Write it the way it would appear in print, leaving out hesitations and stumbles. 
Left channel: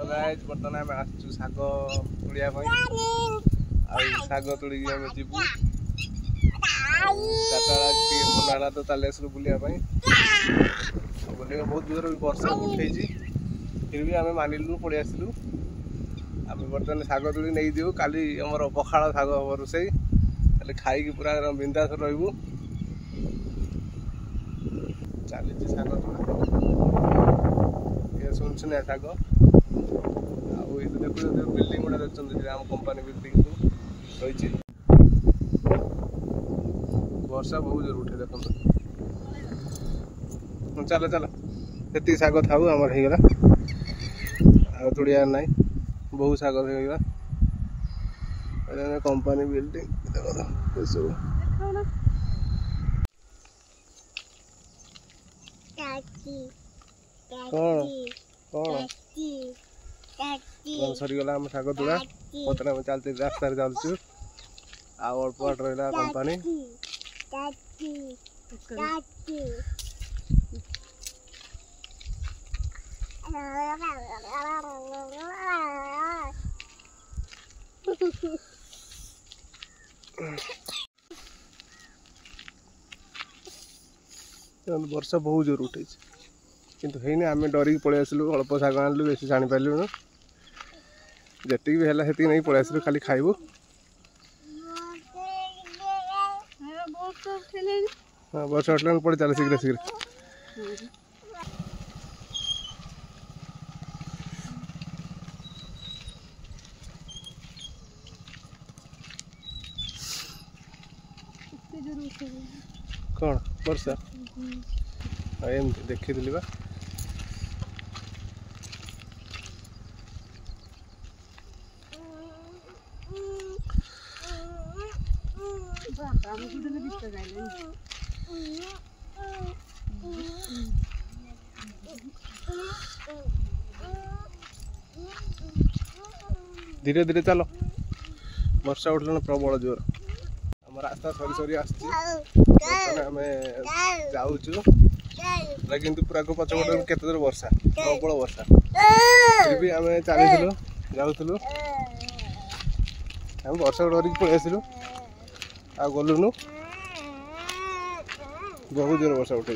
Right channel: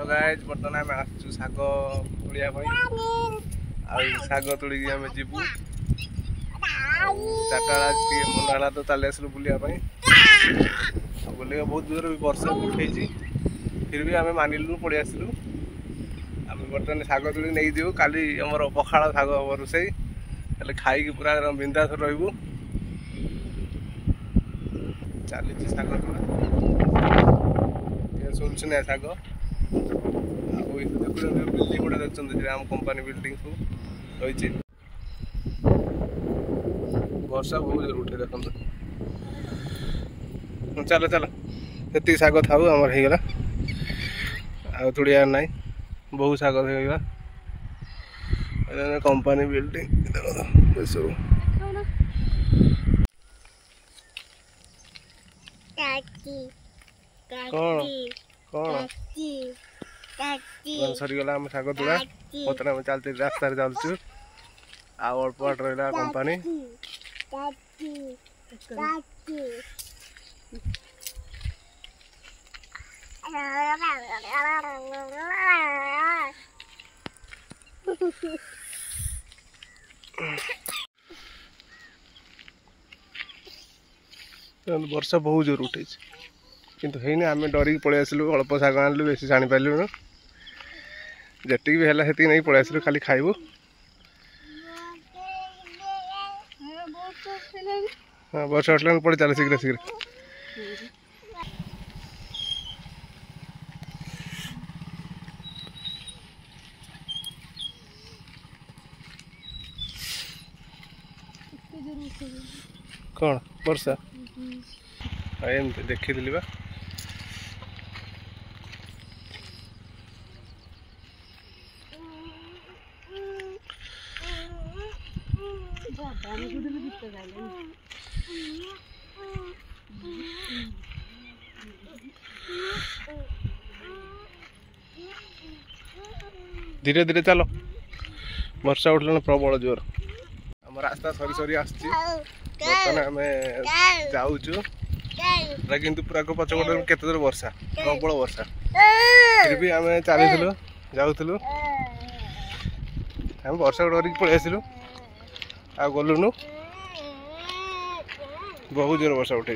Hello guys बर्तमान आम आसु शाग तोड़िया शाग तोड़ी आम जीवु चार्टा मन है तो चली आसलु बुलिया बुलिया बहुत दूर भी वर्षा उठे फिर भी आम मानिलु पड़े आसलु आम बर्तमान शाग तोड़ी नहीं जीवु काली आमर पखाड़ शाग हम रोसई खाई पूरा बिंदास रही चली शाग सुनसुनिया शाग देखो बिल्डिंग गुड़ा देखते आम कंपानी बिल्डिंग को रही वर्षा बहुत जोर उठे देखो चलो चलो ये शाग था आमर होगला आ तोड़िया ना बहुत शाग होगा कंपानी बिल्डिंग सब कौन सरीगला आम शाग तोड़ा बर्तमान आम चलते रास्तार चलचु अल्प बाट रहा कंपानी वर्षा बहुत जोर उठे किंतु है आम डरिक पलि आसलु अल्प शाग आनलु बेसी जानी पार्लु जी भी है नहीं पलि आसलु खाली खाइबु हाँ वर्षा उठला पड़े चल शीघ्र शीघ्र कौन वर्षा एमती देखी बा धीरे धीरे चलो वर्षा उठल प्रबल जोर आम रास्ता सरी सरी आम जाऊँ किंतु पूरा पचपट केते दूर वर्षा प्रबल वर्षा फिर भी आम चलू जाऊँ आम वर्षा डरिक पलि आसलु आ गलुनु बहुत जोर वर्षा उठे।